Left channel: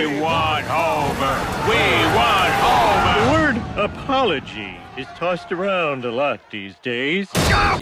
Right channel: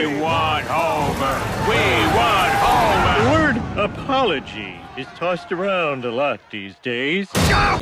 We want Homer! We want Homer! The word apology is tossed around a lot these days.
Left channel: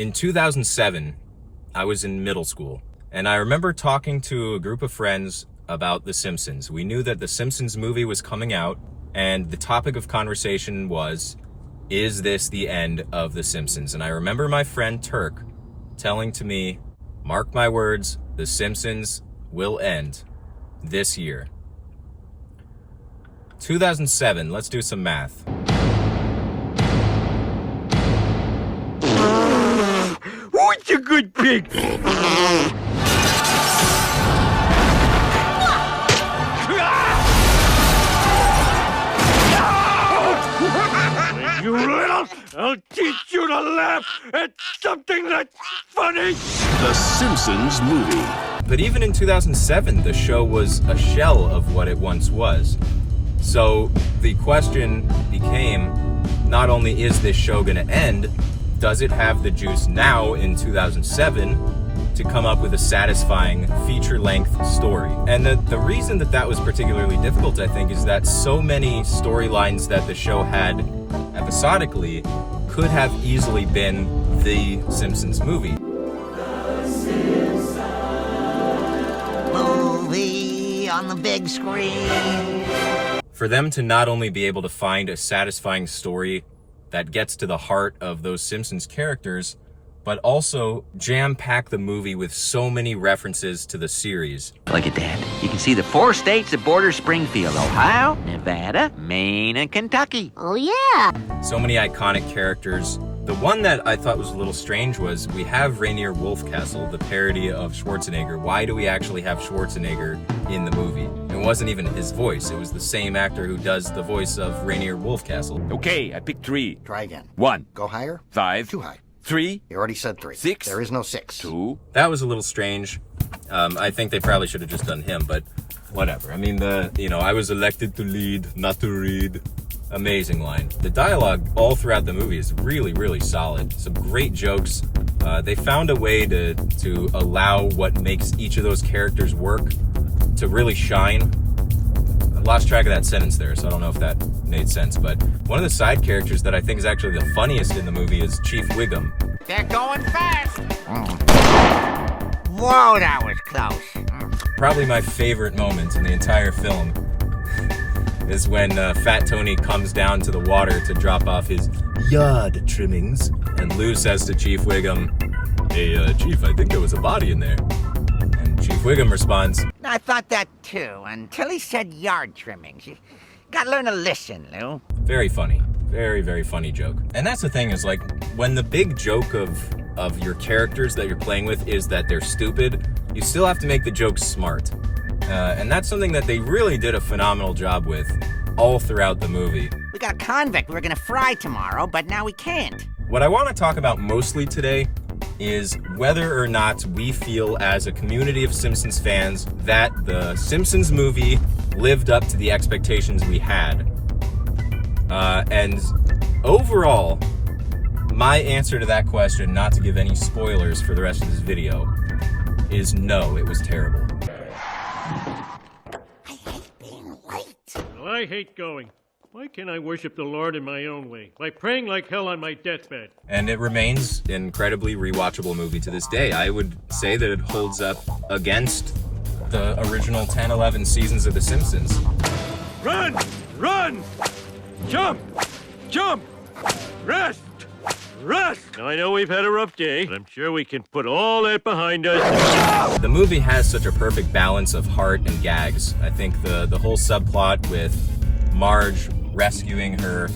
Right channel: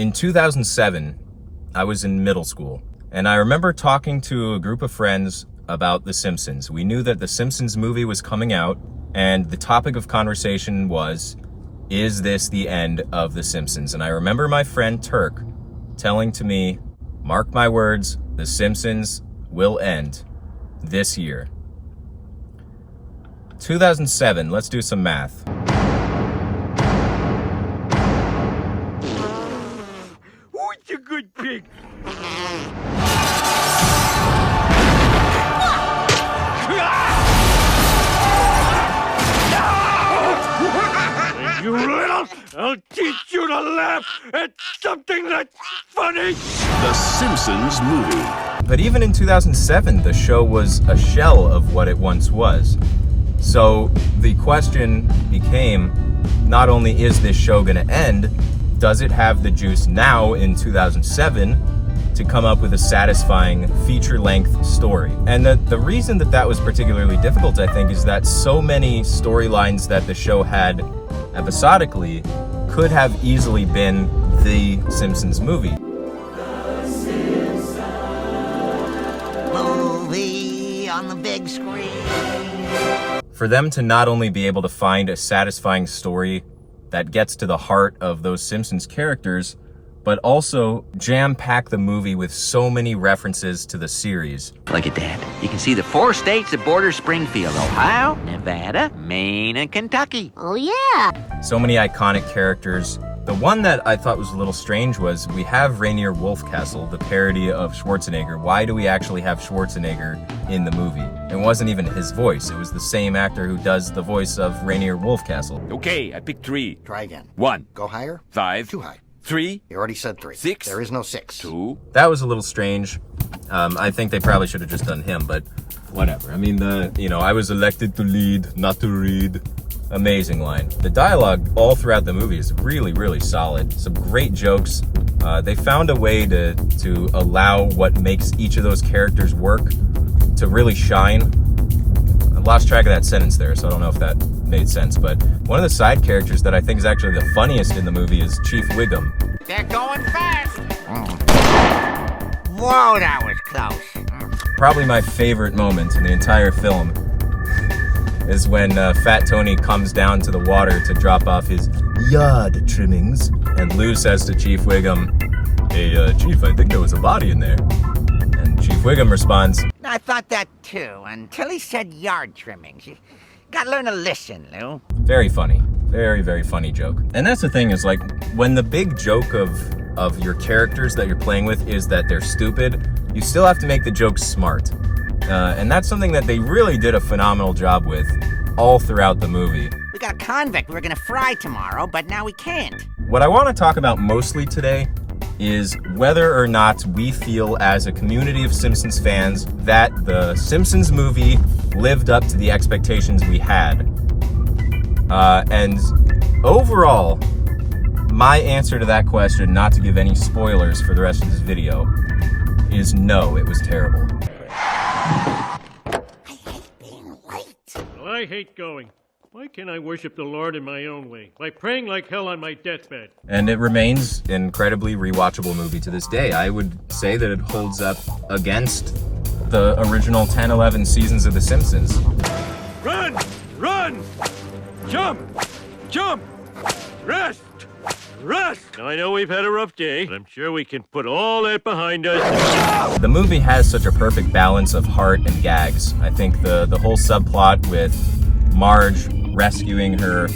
In 2007, I was in middle school, and I remember talking to a group of friends about The Simpsons. We knew that The Simpsons movie was coming out, and the topic of conversation was, is this the end of The Simpsons? And I remember my friend Turk telling to me, mark my words, The Simpsons will end this year. 2007, let's do some math. Who's a good pig? You little, I'll teach you to laugh at something that's funny. The Simpsons Movie. But even in 2007, the show was a shell of what it once was. So the question became, not only is this show going to end, does it have the juice now in 2007 to come up with a satisfying feature-length story? And the reason that was particularly difficult, I think, is that so many storylines that the show had episodically could have easily been the Simpsons movie. Movie on the big screen. For them to not only be able to find a satisfying story that gets to the heart of those Simpsons characters, but also jam-pack the movie with so many references to the series. Look at that. You can see the 4 states that border Springfield: Ohio, Nevada, Maine, and Kentucky. Oh, yeah. So many iconic characters. The one that I thought was a little strange was we have Rainier Wolfcastle, the parody of Schwarzenegger. Why do we actually have Schwarzenegger in the movie? It wasn't even his voice. It was the same actor who does the voice of Rainier Wolfcastle. Okay, I picked 3. Try again. 1. Go higher. 5. Too high. 3. You already said 3. 6. There is no 6. 2. That was a little strange. I think they probably should have just done him, but whatever. I mean, I was elected to lead, not to read. Amazing line. The dialogue all throughout the movie is really, really solid. Some great jokes. They found a way to allow what makes each of those characters work to really shine. I lost track of that sentence there, so I don't know if that made sense, but one of the side characters that I think is actually the funniest in the movie is Chief Wiggum. They're going fast. Whoa, that was close. Probably my favorite moment in the entire film is when Fat Tony comes down to the water to drop off his yard trimmings, and Lou says to Chief Wiggum, "Hey, Chief, I think there was a body in there." And Chief Wiggum responds, I thought that too, until he said yard trimmings. You gotta learn to listen, Lou. very funny. Very, very funny joke. And that's the thing, is like, when the big joke of your characters that you're playing with is that they're stupid, you still have to make the joke smart. And that's something that they really did a phenomenal job with all throughout the movie. We got a convict we were gonna fry tomorrow, but now we can't. What I want to talk about mostly today is whether or not we feel as a community of Simpsons fans that the Simpsons movie lived up to the expectations we had. And overall, my answer to that question, not to give any spoilers for the rest of this video, is no, it was terrible. I hate being late. Well, I hate going. Why can't I worship the Lord in my own way? By praying like hell on my deathbed. And it remains an incredibly rewatchable movie to this day. I would say that it holds up against the original 10, 11 seasons of The Simpsons. Run! Run! Jump! Jump! Rest! Rest! Now, I know we've had a rough day, but I'm sure we can put all that behind us. The movie has such a perfect balance of heart and gags. I think the whole subplot with Marge rescuing her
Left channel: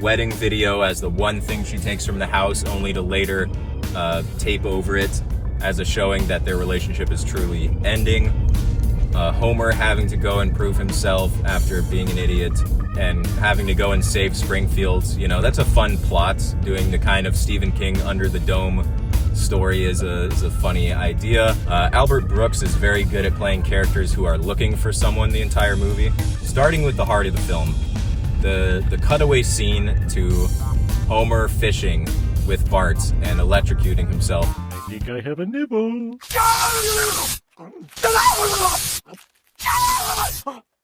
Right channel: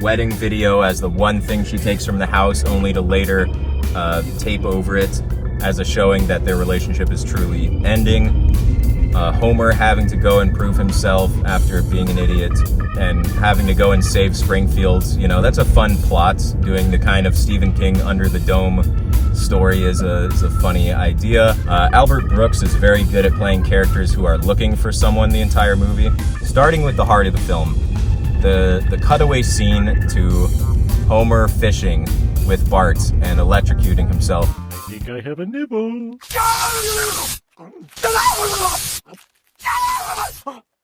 wedding video as the one thing she takes from the house, only to later tape over it as a showing that their relationship is truly ending. Homer having to go and prove himself after being an idiot and having to go and save Springfield. You know, that's a fun plot. Doing the kind of Stephen King Under the Dome story is a funny idea. Albert Brooks is very good at playing characters who are looking for someone the entire movie. Starting with the heart of the film, the cutaway scene to Homer fishing with Bart and electrocuting himself. I think I have a nibble.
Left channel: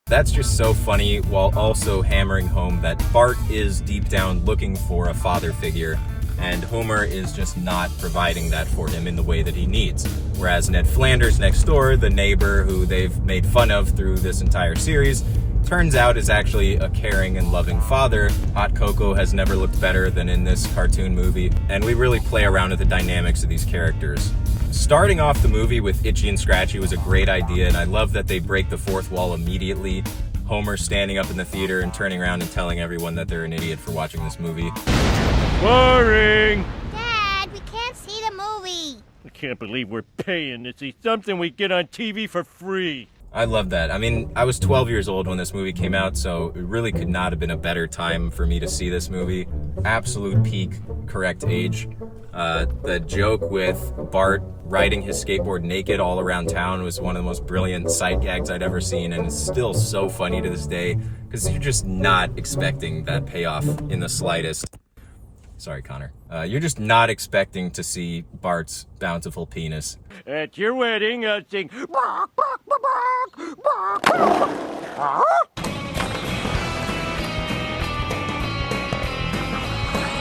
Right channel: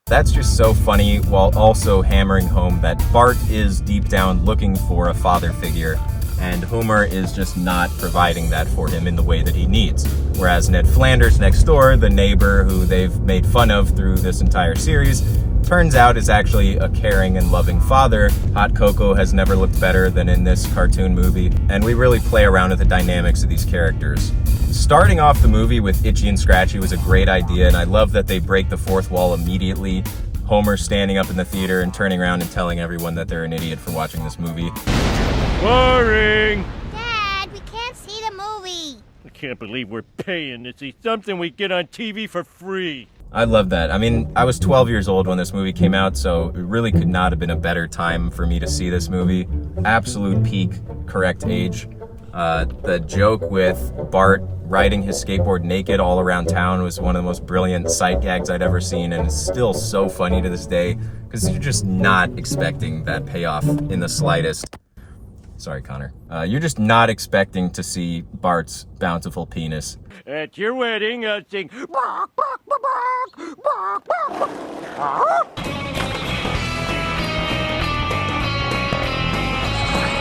That's just so funny, while also hammering home that Bart is deep down looking for a father figure, and Homer is just not providing that for him in the way that he needs. Whereas Ned Flanders next door, the neighbor who they've made fun of through this entire series, turns out is actually a caring and loving father. Hot Cocoa has never looked better than in this cartoon movie, and we really play around with the dynamics of these characters. Starting off the movie with Itchy and Scratchy was a great idea, and I love that they break the fourth wall immediately. Homer standing up in the theater and turning around and telling everyone that they're an idiot for watching this movie. Boring! Dad, we can't see the movie. I can't believe we're paying to see something we get on TV for free. I love that. I mean, I was 12 years old when this movie came out, so it really could not have been a better time for me to see this movie. Absolute peak correct age. The joke with Bart riding his skateboard naked all around town was one of the most brilliant sight gags I'd ever seen, and it's still so funny to this day, because you're just not expecting that payoff in the slightest. Sorry, Connor. You're just not expecting to see Bart's bountiful penis. At your wedding, I'll sing.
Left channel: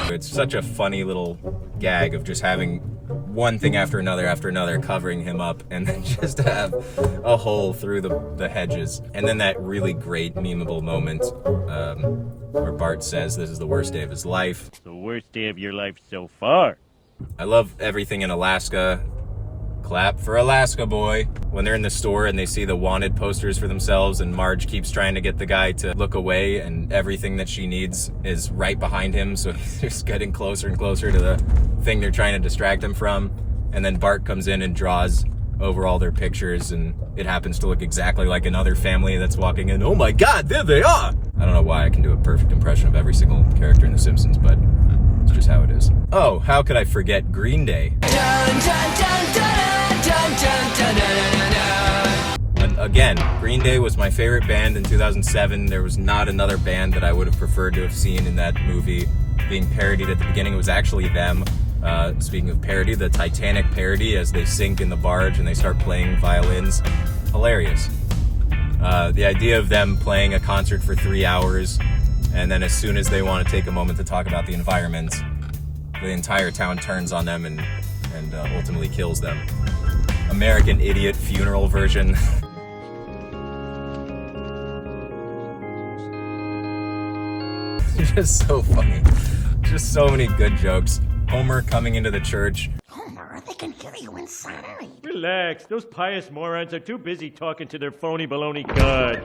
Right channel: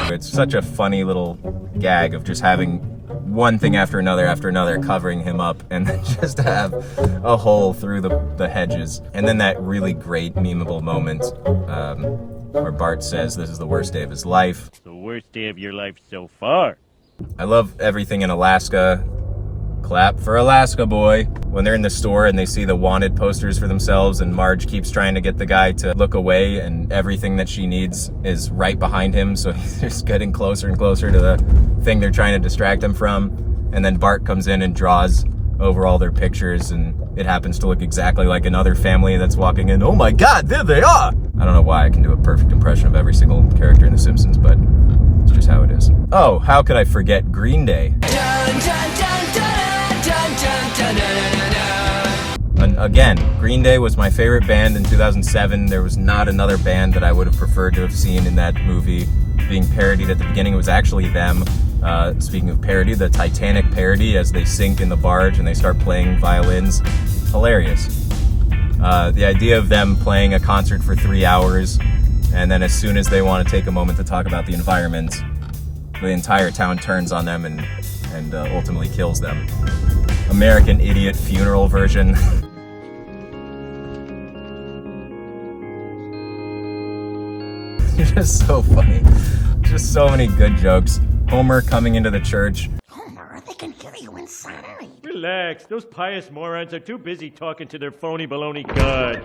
It's such a funny little gag of just having one thing after another covering him up, and then just have a hole through the hedges. And then that really great memeable moment where Bart says this is the worst day of his life. The worst day of your life so far. I love everything in Alaska. Clap for Alaska, boy. When they're in the store and they see the wanted posters for themselves, and Marge keeps trying to get the guy to look away, and everything that she needs is right behind him, so he's just getting closer and closer to the thing they're trying to distract him from. And then Bart comes in and draws over all their pictures, and it happens to look exactly like another family that's walking in. Oh my God, there they are! I don't know why I can do a perfect impression of every single character in The Simpsons, but it's just how it is. Oh, how could I forget Green Day? And again, Green Day was my favorite band in 2007. There was not another band that I would have preferred to have seen in that movie being parodied at the beginning. It was actually them. Speaking of parody, the Titanic parody as they sink in the barge and they start playing violins. Hilarious. The idea of them playing a concert for 3 hours, and then as soon as they want to take a moment to talk about the environment, the entire town turns on them and ultimately kills them. American Idiot funeral version. Just so funny. Just so many good jokes. Homer coming into the church. Homer, they can hear you inside. Relax. Those pious morons are too busy talking to their phony baloney god.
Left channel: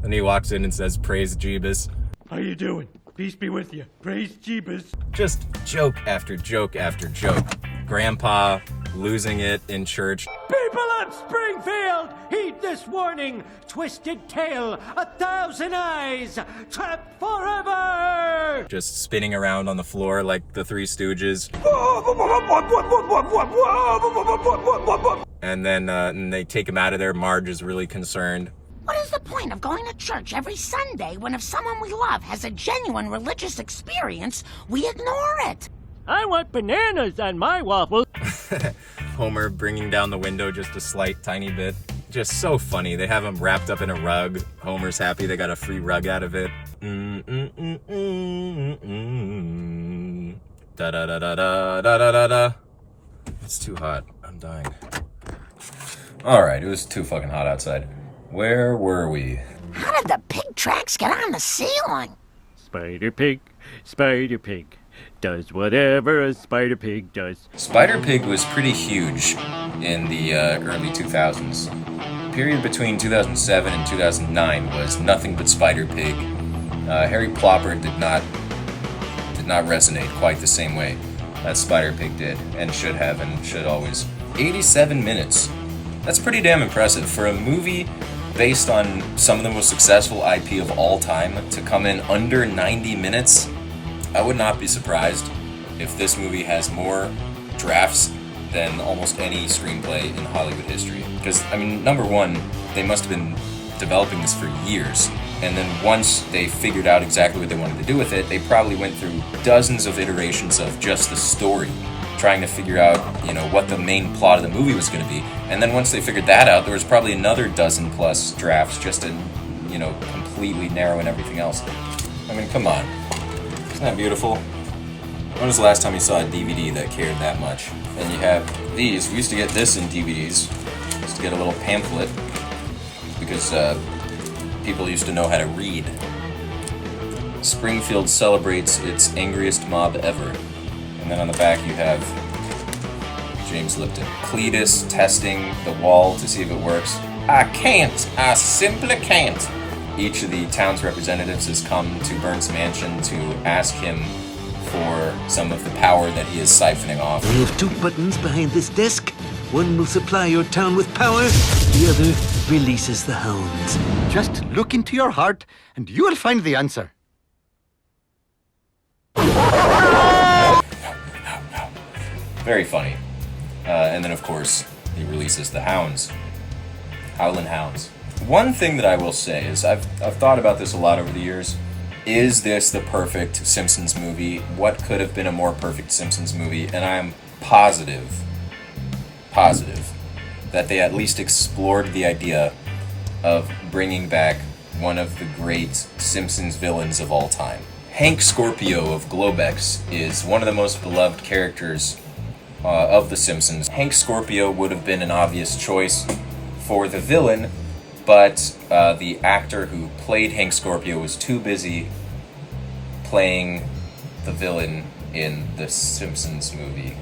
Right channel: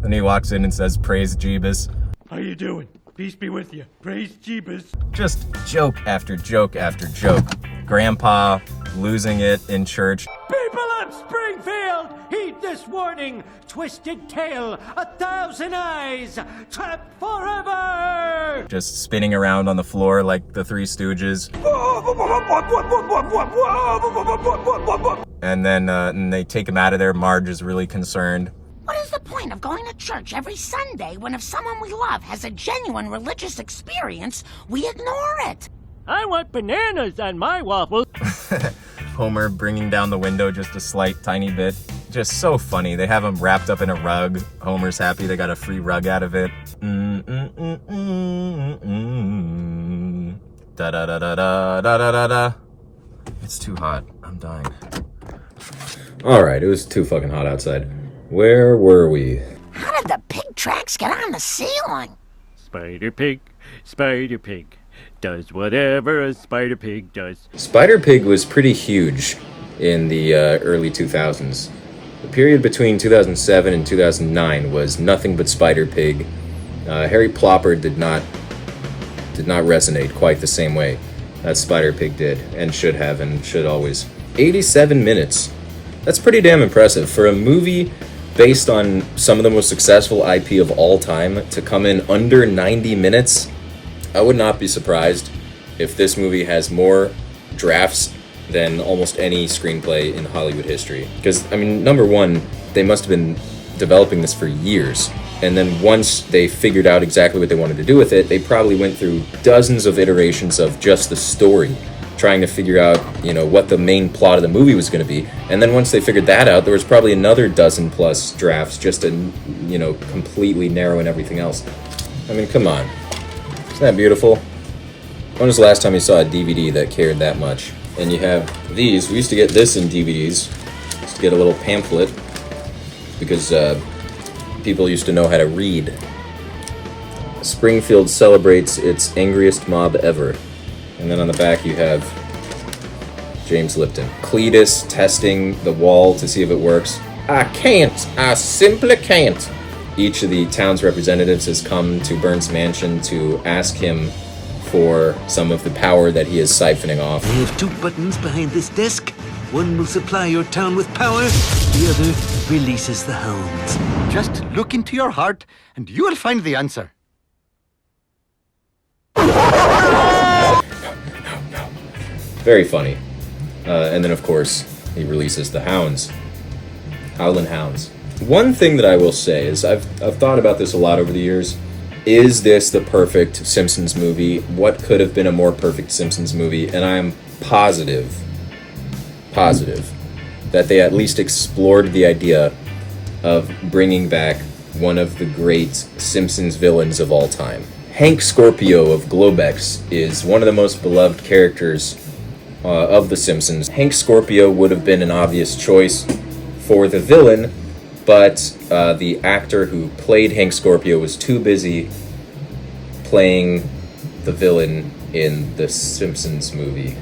Then he walks in and says, "Praise Jeebus." How you doing? Peace be with you. Praise Jeebus. Just joke after joke after joke. Grandpa losing it in church. People of Springfield, heed this warning. Twisted tail, 1,000 eyes, trapped forever. Just spinning around on the floor like the Three Stooges. And then they take him out of there. Marge is really concerned. What is the point of going to church every Sunday when if someone we love has a genuine religious experience, we ignore it? I want bananas on my waffles. Homer bringing down the window just a slight tiny bit. Just so funny. They have him wrapped up in a rug. Homer's happy they got a free rug out of it. Da da da da da da da da. It's too hot. I'm dying. Alright, it was too fucking hot outside. Where were we? How did the pig tracks get on the ceiling? Spider Pig does whatever a Spider Pig does. Spider Pig was pretty huge in the early 2000s. The period between 2007 and 2009 was nothing but Spider Pig. Harry Plopper did not resonate quite the same way as Spider Pig did, and should have, and should always. 87 minutes. That's pretty damn impressive for a movie based on some of the most successful IP of all time to come in under 90 minutes. I would not be surprised if this movie has more drafts than almost any screenplay in Hollywood history. Because, I mean, number one, they must have been developing this for years. And then once they figured out exactly what they wanted to do with it, they probably went through dozens of iterations of just the story trying to figure out, you know, what the main plot of the movie was going to be. And then once they figured that out, there was probably another dozen plus drafts just to, you know, completely narrow in everything else. I mean, come on. Isn't that beautiful? When was the last time you saw a DVD that cared that much? And you have these. We used to get this in DVDs. We used to get a little pamphlet because people used to know how to read. Springfield celebrates its angriest mob ever. And then on the back you have James Lipton. Cletus testing the wall to see if it works. I can't. I simply can't. Each of the town's representatives has come to Burns Mansion to ask him for some of the power that he is siphoning off. I have 2 buttons behind this desk. One will supply your town with power, the other releases the hounds. Just look into your heart and you will find the answer. Very funny. And then, of course, he releases the hounds. Howlin' Hounds. One thing that I will say is I've thought about this a lot over the years. Is this the perfect Simpsons movie? What could have been a more perfect Simpsons movie? And I'm positive that they at least explored the idea of bringing back one of the great Simpsons villains of all time. Hank Scorpio of Globex is one of the most beloved characters of The Simpsons. Hank Scorpio would have been an obvious choice for the villain, but the actor who played Hank Scorpio was too busy playing the villain in The Simpsons Movie.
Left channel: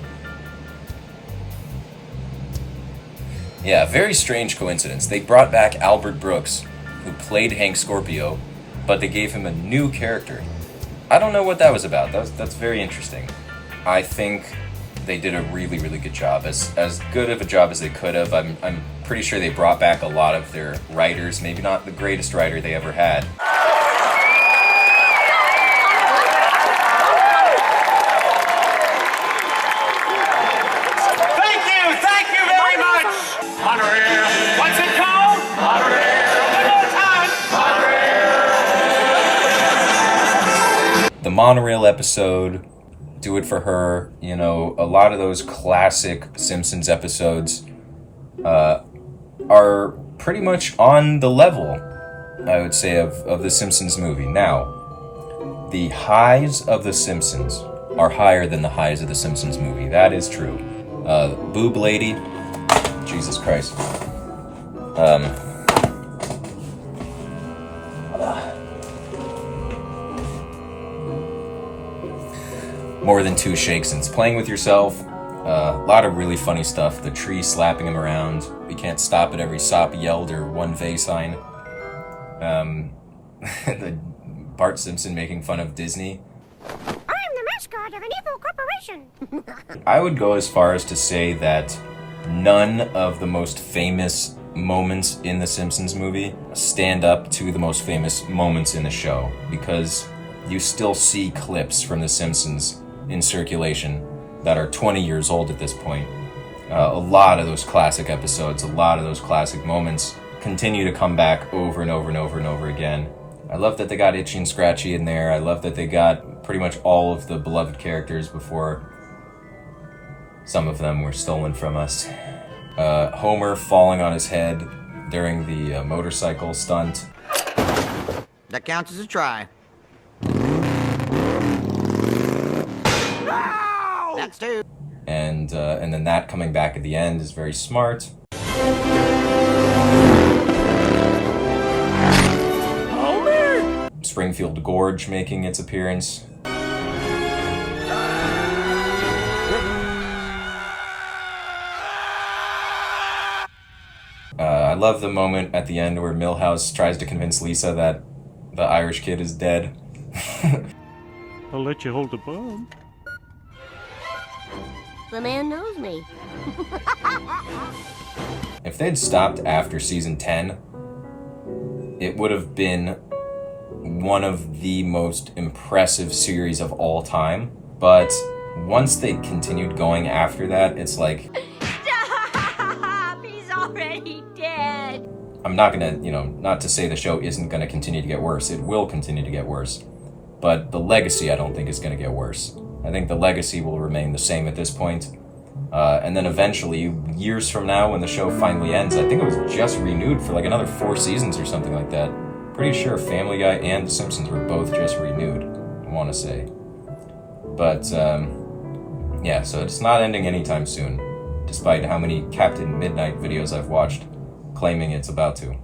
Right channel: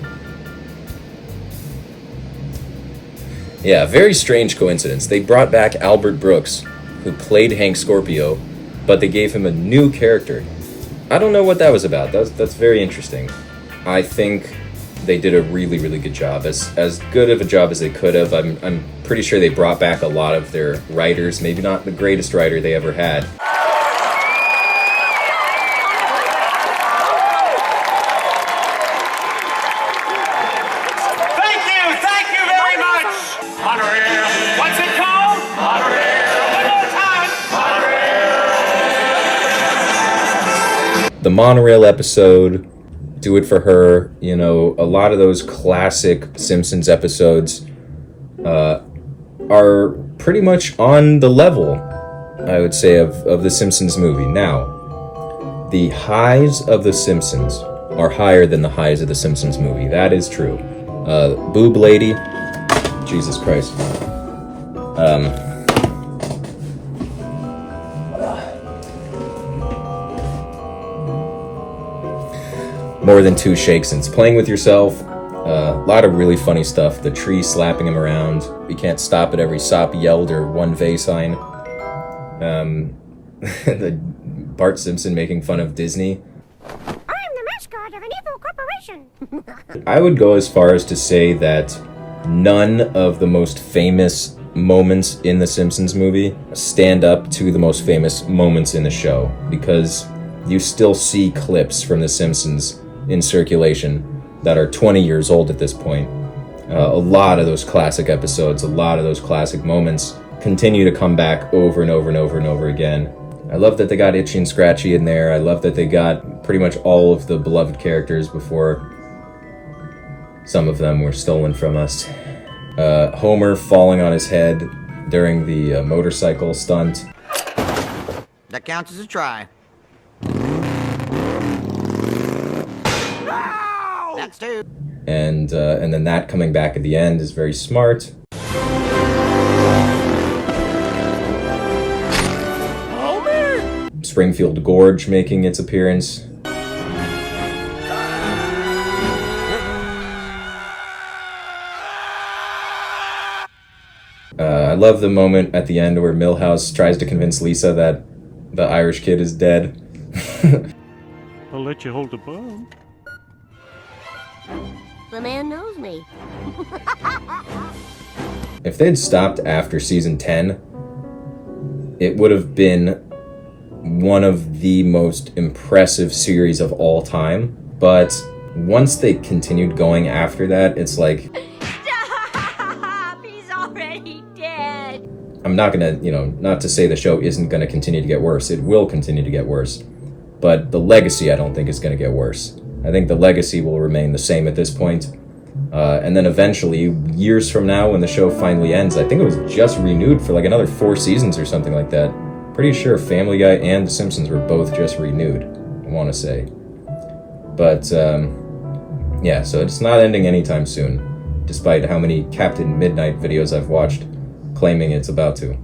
Yeah, very strange coincidence. They brought back Albert Brooks, who played Hank Scorpio, but they gave him a new character. I don't know what that was about. That's very interesting. I think they did a really, really good job. As good of a job as they could have. I'm pretty sure they brought back a lot of their writers. Maybe not the greatest writer they ever had. Thank you very much! Monorail, what's it called? Monorail, one more time! Monorail! The monorail episode, Do It For Her, you know, a lot of those classic Simpsons episodes are pretty much on the level, I would say, of the Simpsons movie. Now, the highs of the Simpsons are higher than the highs of the Simpsons movie. That is true. Boob Lady, Jesus Christ. More Than Two Shakesons. Playing With Yourself. A lot of really funny stuff. The tree slapping him around. We can't stop at every sop yelled or one vey sign. The Bart Simpson making fun of Disney. I'm the mascot of an evil corporation. I would go as far as to say that none of the most famous moments in the Simpsons movie stand up to the most famous moments in the show, because you still see clips from The Simpsons in circulation that are 20 years old at this point. A lot of those classic episodes, a lot of those classic moments continue to come back over and over and over and over again. I love that they got Itchy and Scratchy in there. I love that they got pretty much all of the beloved characters before some of them were stolen from us. Homer falling on his head during the motorcycle stunt. That counts as a try. That's 2. And then that coming back at the end is very smart. Homer! Springfield Gorge making its appearance. I love the moment at the end where Milhouse tries to convince Lisa that the Irish kid is dead. I'll let you hold the bomb. The man knows me. If they'd stopped after season 10, it would have been one of the most impressive series of all time. But once they continued going after that, it's like... Stop! He's already dead. I'm not gonna, not to say the show isn't gonna continue to get worse. It will continue to get worse. But the legacy, I don't think, is gonna get worse. I think the legacy will remain the same at this point. And then eventually, years from now, when the show finally ends, I think it was just renewed for like another 4 seasons or something like that. Pretty sure Family Guy and The Simpsons were both just renewed, I want to say. But, yeah, so it's not ending anytime soon, despite how many Captain Midnight videos I've watched claiming it's about to.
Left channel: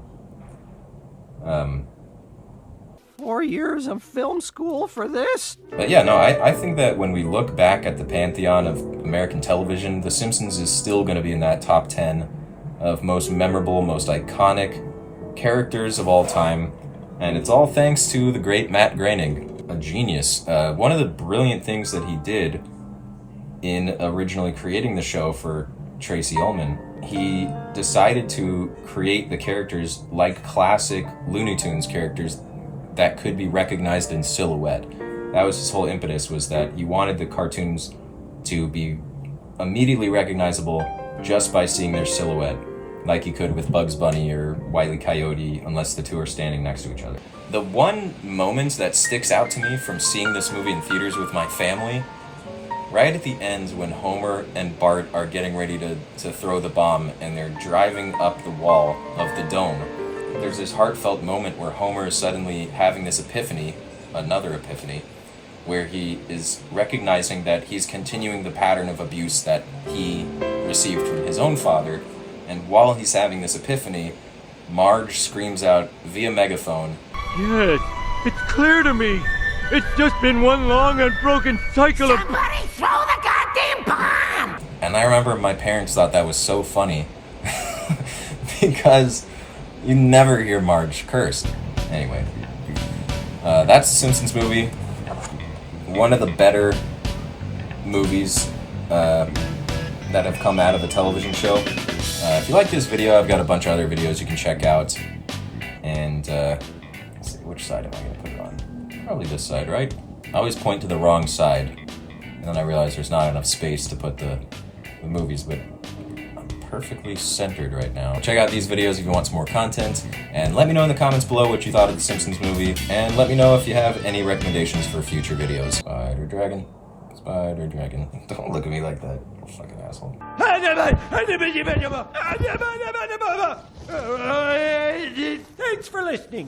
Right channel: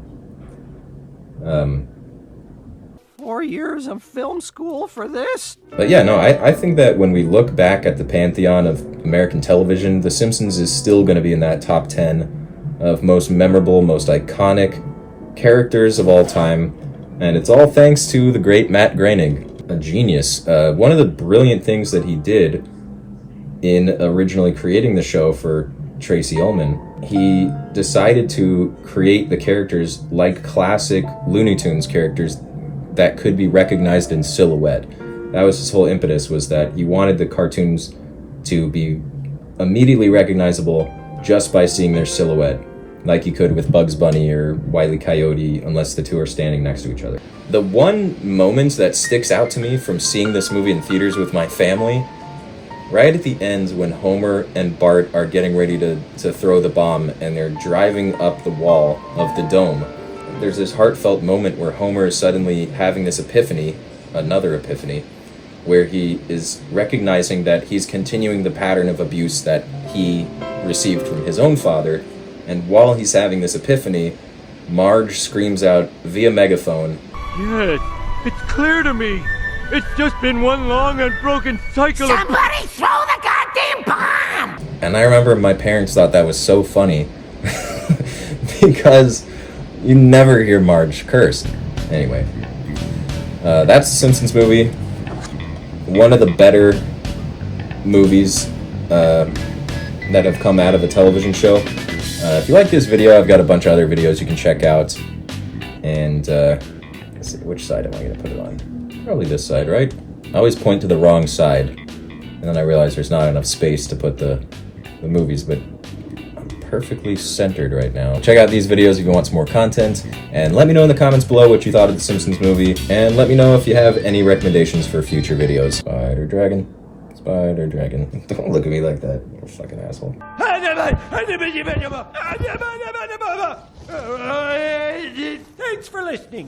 4 years of film school for this? But yeah, no, I think that when we look back at the pantheon of American television, The Simpsons is still going to be in that top 10 of most memorable, most iconic characters of all time. And it's all thanks to the great Matt Groening, a genius. One of the brilliant things that he did in originally creating the show for Tracy Ullman, he decided to create the characters like classic Looney Tunes characters that could be recognized in silhouette. That was his whole impetus, was that he wanted the cartoons to be immediately recognizable just by seeing their silhouette, like you could with Bugs Bunny or Wile E. Coyote, unless the two are standing next to each other. The one moment that sticks out to me from seeing this movie in theaters with my family, right at the end when Homer and Bart are getting ready to throw the bomb and they're driving up the wall of the dome, there's this heartfelt moment where Homer is suddenly having this epiphany, another epiphany, where he is recognizing that he's continuing the pattern of abuse that he received from his own father. And while he's having this epiphany, Marge screams out via megaphone, Yes, it's clear to me. It's just been one long unbroken cycle of... Somebody throw the goddamn bomb! and I remember my parents thought that was so funny because you never hear Marge curse. Anyway, that's the Simpsons Movie. One of the better movies that have come out of a television show. If you like this video, I've got a bunch of other videos you can check out. And let's see, which side am I going to put it on? Probably this side, right? I always point to the wrong side, and then I realize there's not enough space to put the movies, but I'm perfectly centered right now. Check out these videos if you want some more content, and let me know in the comments below what you thought of the Simpsons Movie, and let me know if you have any recommendations for future videos. Spider Dragon. Spider Dragon. Don't look at me like that, you fucking asshole. Thanks for listening.